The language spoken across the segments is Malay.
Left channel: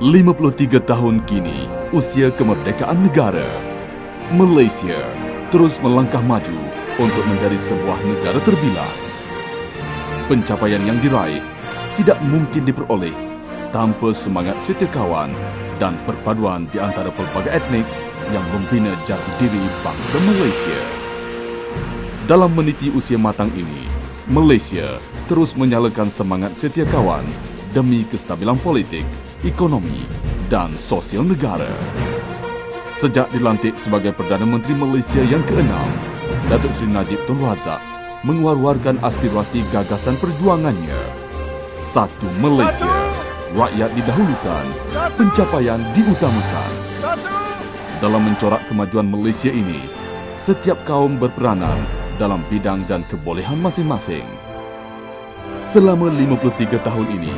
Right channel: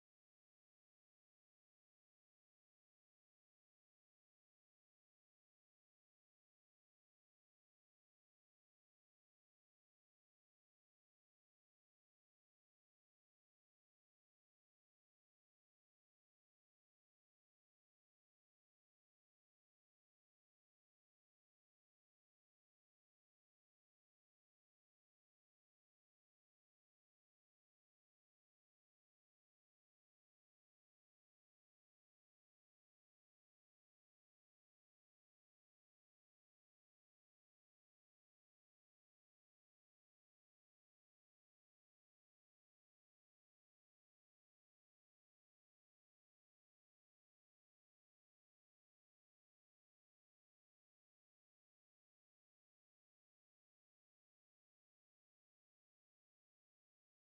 53 tahun kini, usia kemerdekaan negara, Malaysia terus melangkah maju untuk menjadi sebuah negara terbilang. Pencapaian yang diraih tidak mungkin diperoleh tanpa semangat setia kawan dan perpaduan di antara pelbagai etnik yang membina jati diri bangsa Malaysia. Dalam meniti usia matang ini, Malaysia terus menyalakan semangat setia kawan demi kestabilan politik, ekonomi, dan sosial negara. Sejak dilantik sebagai Perdana Menteri Malaysia yang ke-6, Datuk Seri Najib Tun Razak mengeluarkan aspirasi gagasan perjuangannya. Satu Malaysia, rakyat didahulukan, pencapaian diutamakan. Dalam mencorak kemajuan Malaysia ini, setiap kaum berperanan dalam bidang dan kebolehan masing-masing. Selama 53 tahun ini,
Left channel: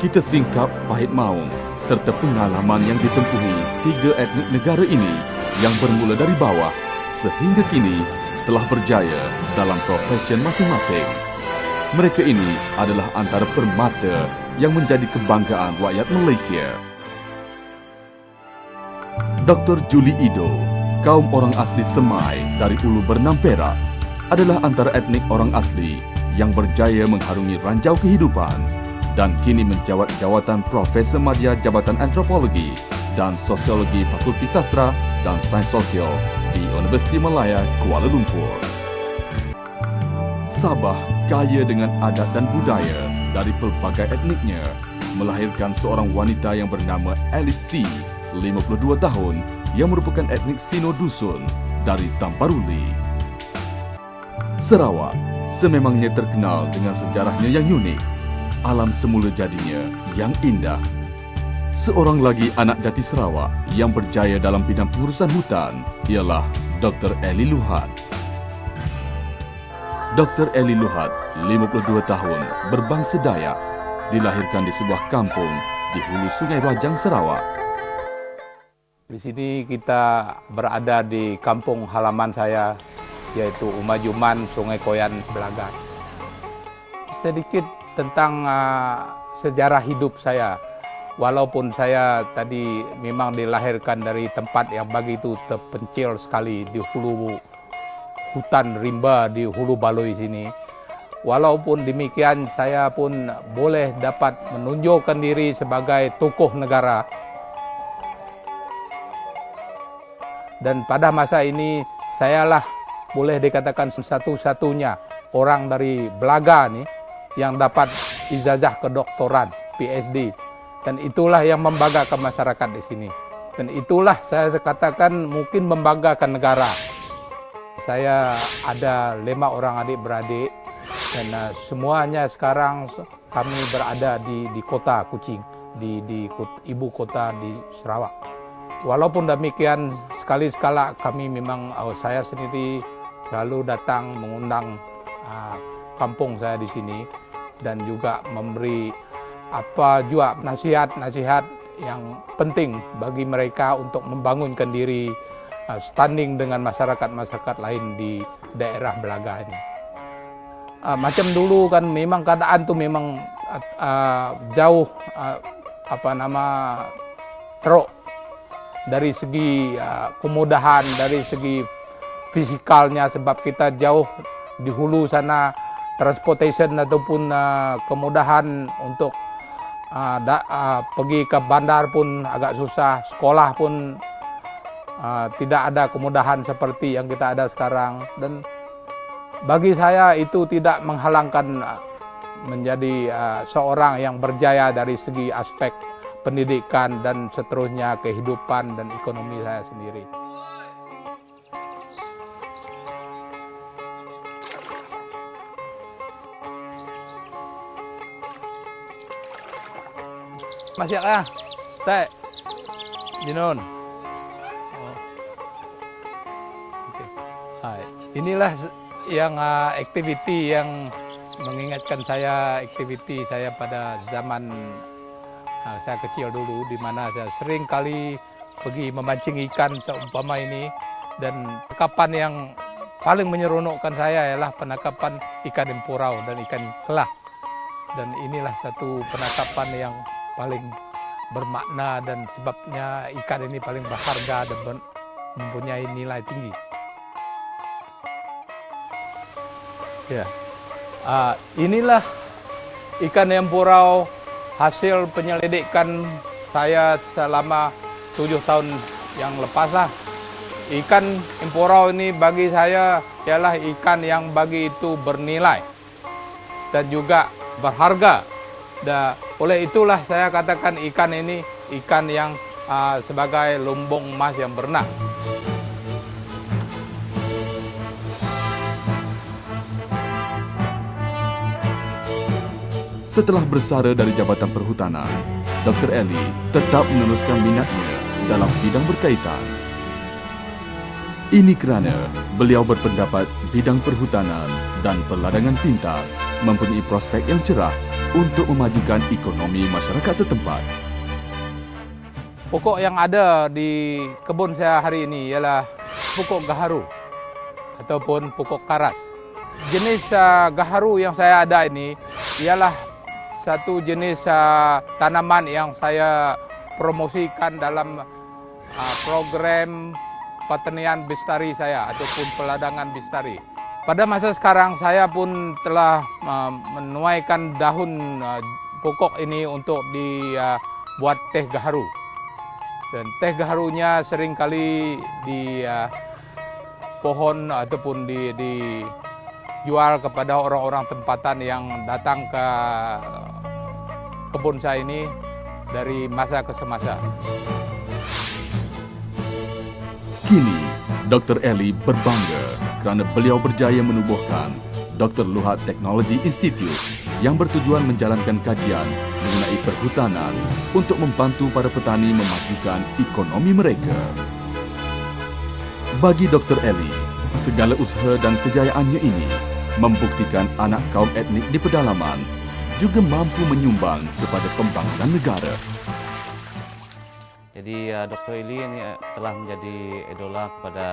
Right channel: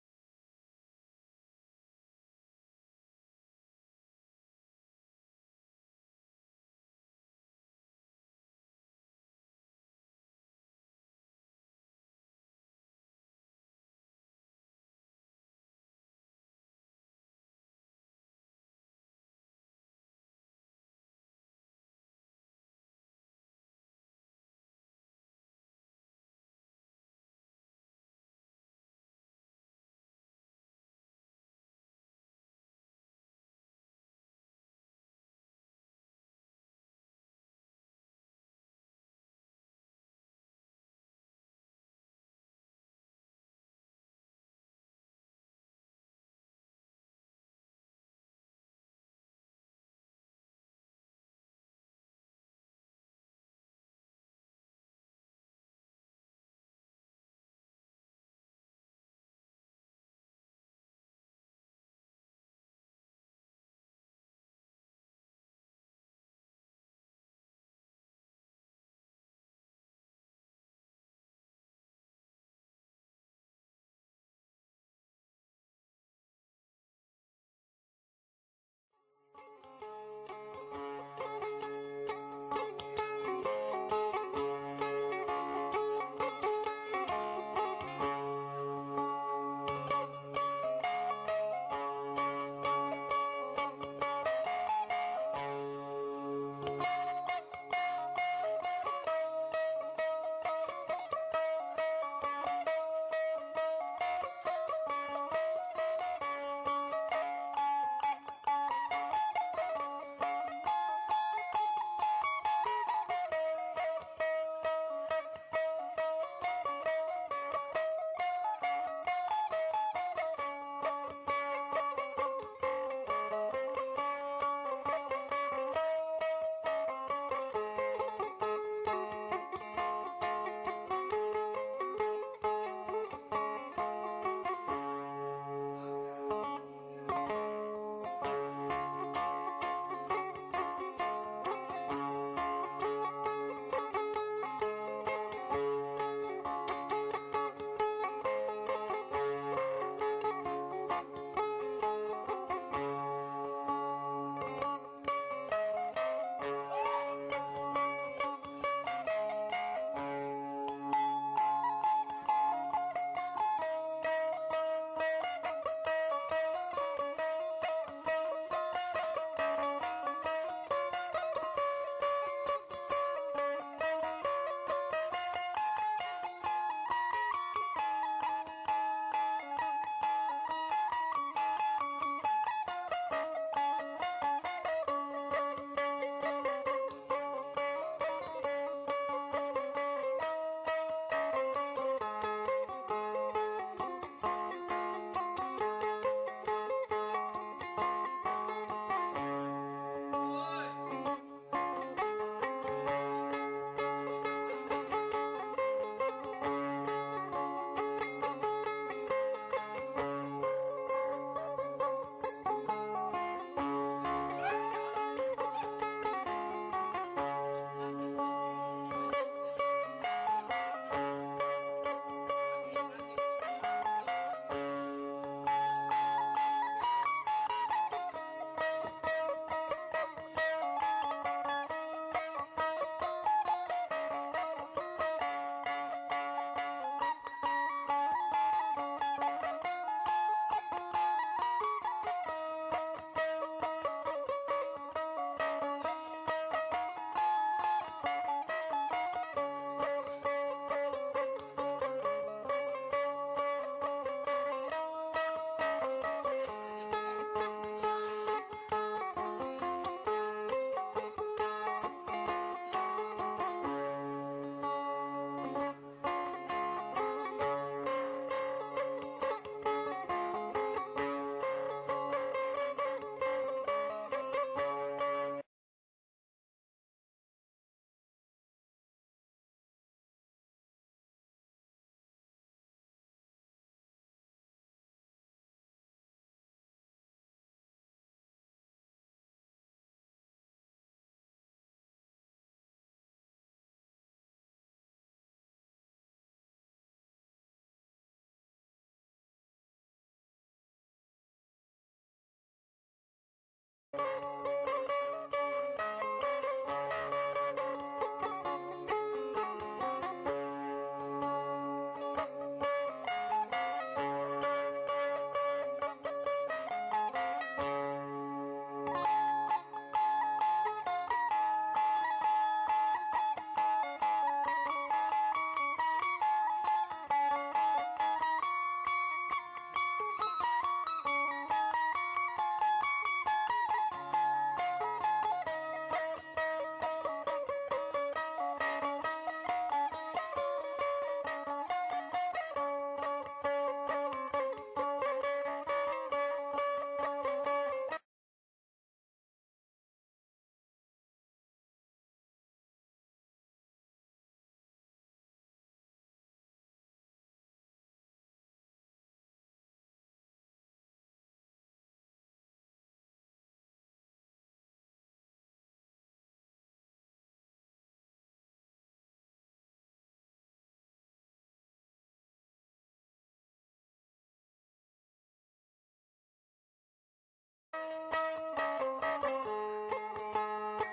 kita singkap pahit maung serta pengalaman yang ditempuhi tiga etnik negara ini yang bermula dari bawah sehingga kini telah berjaya dalam profesi masing-masing. Mereka ini adalah antara permata yang menjadi kebanggaan rakyat Malaysia. Dr. Julie Ido, kaum orang asli Semai dari Ulu Bernam Perak, adalah antara etnik orang asli yang berjaya mengharungi ranjau kehidupan dan kini menjawat jawatan Profesor Madya Jabatan Antropologi dan Sosiologi Fakulti Sastra dan Sains Sosial di Universiti Malaya, Kuala Lumpur. Sabah kaya dengan adat dan budaya dari pelbagai etniknya, melahirkan seorang wanita yang bernama Alice T, 52 tahun, yang merupakan etnik Sino Dusun dari Tamparuli. Sarawak sememangnya terkenal dengan sejarahnya yang unik, alam semula jadinya yang indah. Seorang lagi anak jati Sarawak yang berjaya dalam bidang pengurusan hutan ialah Dr. Eli Luhat. Dr. Eli Luhat, 52 tahun, berbangsa Dayak, dilahirkan di sebuah kampung di hulu Sungai Rajang, Sarawak. Di sini kita berada di kampung halaman saya, yaitu Umajuman, Sungai Koyan, Belagas. Sedikit tentang sejarah hidup saya. Walaupun saya tadi memang dilahirkan dari tempat yang begitu terpencil sekali di hulu hutan rimba di Hulu Baloi sini. Walaupun demikian, saya pun boleh dapat menunjukkan diri sebagai tokoh negara. Dan pada masa ini, sayalah boleh dikatakan satu-satunya orang dari Belaga nih yang dapat ijazah kedoktoran PhD, dan itulah yang membanggakan masyarakat di sini, dan itulah saya katakan mungkin membanggakan negara. Saya ada 5 orang adik-beradik, dan semuanya sekarang kami berada di kota Kuching, di ibu kota di Sarawak. Walaupun demikian, sekali-sekala kami memang, saya sendiri selalu datang mengundang kampung saya di sini dan juga memberi juga nasihat-nasihat yang penting bagi mereka untuk membangunkan diri, standing dengan masyarakat-masyarakat lain di daerah Belaga ini. Macam dulu kan memang keadaan tuh memang jauh teruk dari segi kemudahan, dari segi fisikalnya, sebab kita jauh di hulu sana, transportation ataupun kemudahan untuk pergi ke bandar pun agak susah, sekolah pun tidak ada kemudahan seperti yang kita ada sekarang. Dan bagi saya itu tidak menghalangkan menjadi seorang yang berjaya dari segi aspek pendidikan dan seterusnya, kehidupan dan ekonomi saya sendiri. Masih saya Jinon. Inilah yang aktiviti yang mengingatkan saya, aktiviti saya pada zaman saya kecil dulu, di mana saya sering kali pergi memancing ikan seumpama ini, dan penangkapan yang paling menyeronokkan saya ialah penangkapan ikan empurau dan ikan kelah. Dan inilah satu penangkapan yang paling bermakna dan sebabnya ikan ini paling berharga dan mempunyai nilai tinggi. Ya, inilah ikan empurau hasil penyelidikan saya selama 7 tahun yang lepas lah. Ikan empurau ini bagi saya ialah ikan yang bagi itu bernilai dan juga berharga. Dan oleh itulah saya katakan ikan ini ikan yang sebagai lumbung emas yang berenang. Setelah bersara dari Jabatan Perhutanan, Dr. Eli tetap meneruskan minatnya dalam bidang berkaitan. Ini kerana beliau berpendapat bidang perhutanan dan perladangan pintar mempunyai prospek yang cerah untuk memajukan ekonomi masyarakat setempat. Pokok yang ada di kebun saya hari ini ialah pokok gaharu ataupun pokok karas. Jenis gaharu yang saya ada ini ialah satu jenis tanaman yang saya promosikan dalam program pertanian bestari saya ataupun peladangan bestari. Pada masa sekarang saya pun telah menuaikan daun pokok ini untuk dibuat teh gaharu. Dan teh gaharunya seringkali di pohon ataupun dijual kepada orang-orang tempatan yang datang ke kebun saya ini dari masa ke semasa. Kini, Dr. Eli berbangga kerana beliau berjaya menubuhkan Dr. Luhat Technology Institute yang bertujuan menjalankan kajian mengenai perhutanan untuk membantu para petani memajukan ekonomi mereka. Bagi Dr. Eli, segala usaha dan kejayaannya ini membuktikan anak kaum etnik di pedalaman juga mampu menyumbang kepada pembangunan negara. Jadi Dr. Eli ini telah menjadi idola kepada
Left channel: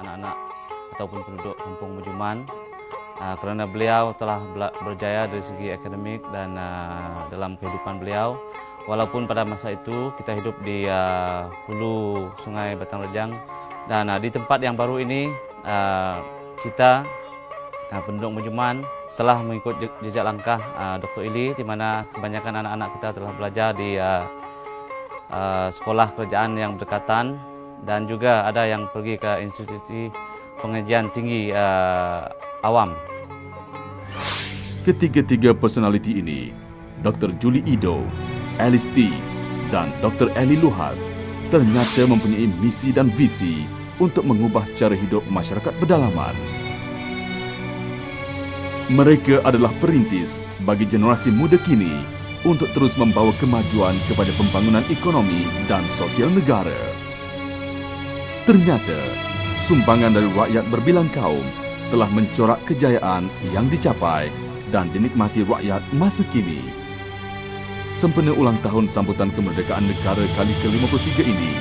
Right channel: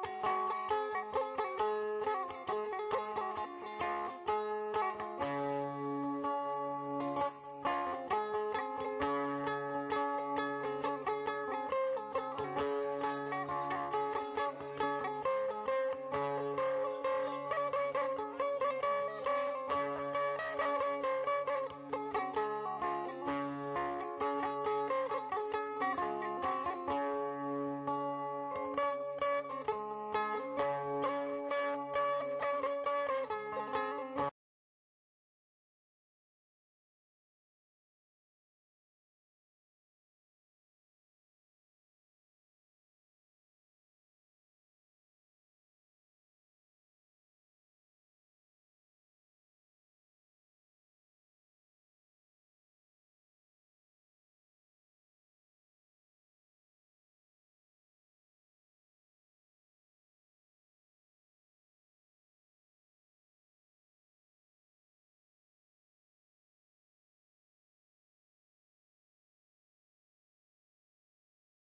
anak-anak ataupun penduduk Kampung Bujuman kerana beliau telah berjaya dari segi akademik dan dalam kehidupan beliau. Walaupun pada masa itu kita hidup di hulu Sungai Batang Rejang dan di tempat yang baru ini kita penduduk Bujuman telah mengikut jejak langkah Dr. Eli, di mana kebanyakan anak-anak kita telah belajar di sekolah kerajaan yang berdekatan dan juga ada yang pergi ke institusi pengajian tinggi awam. Ketiga-tiga personaliti ini, Dr. Julie Ido, Alice T dan Dr. Eli Luhat ternyata mempunyai misi dan visi untuk mengubah cara hidup masyarakat pedalaman. Mereka adalah perintis bagi generasi muda kini untuk terus membawa kemajuan kepada pembangunan ekonomi dan sosial negara. Ternyata, sumbangan dari rakyat berbilang kaum telah mencorak kejayaan yang dicapai dan dinikmati rakyat masa kini. Sempena ulang tahun sambutan kemerdekaan negara kali ke-53 ini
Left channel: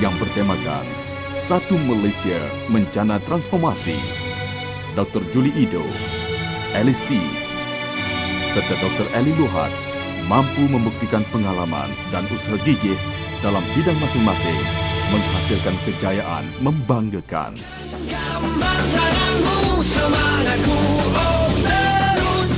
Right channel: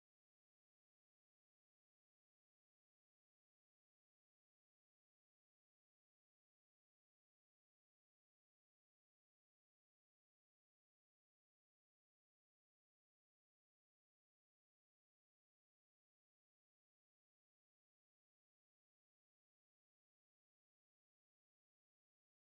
yang bertemakan Satu Malaysia Mencana Transformasi, Dr. Julie Ido, Alice T serta Dr. Eli Luhat mampu membuktikan pengalaman dan usaha gigih dalam bidang masing-masing menghasilkan kejayaan membanggakan. Gambar tanganmu, semangatku, oh terus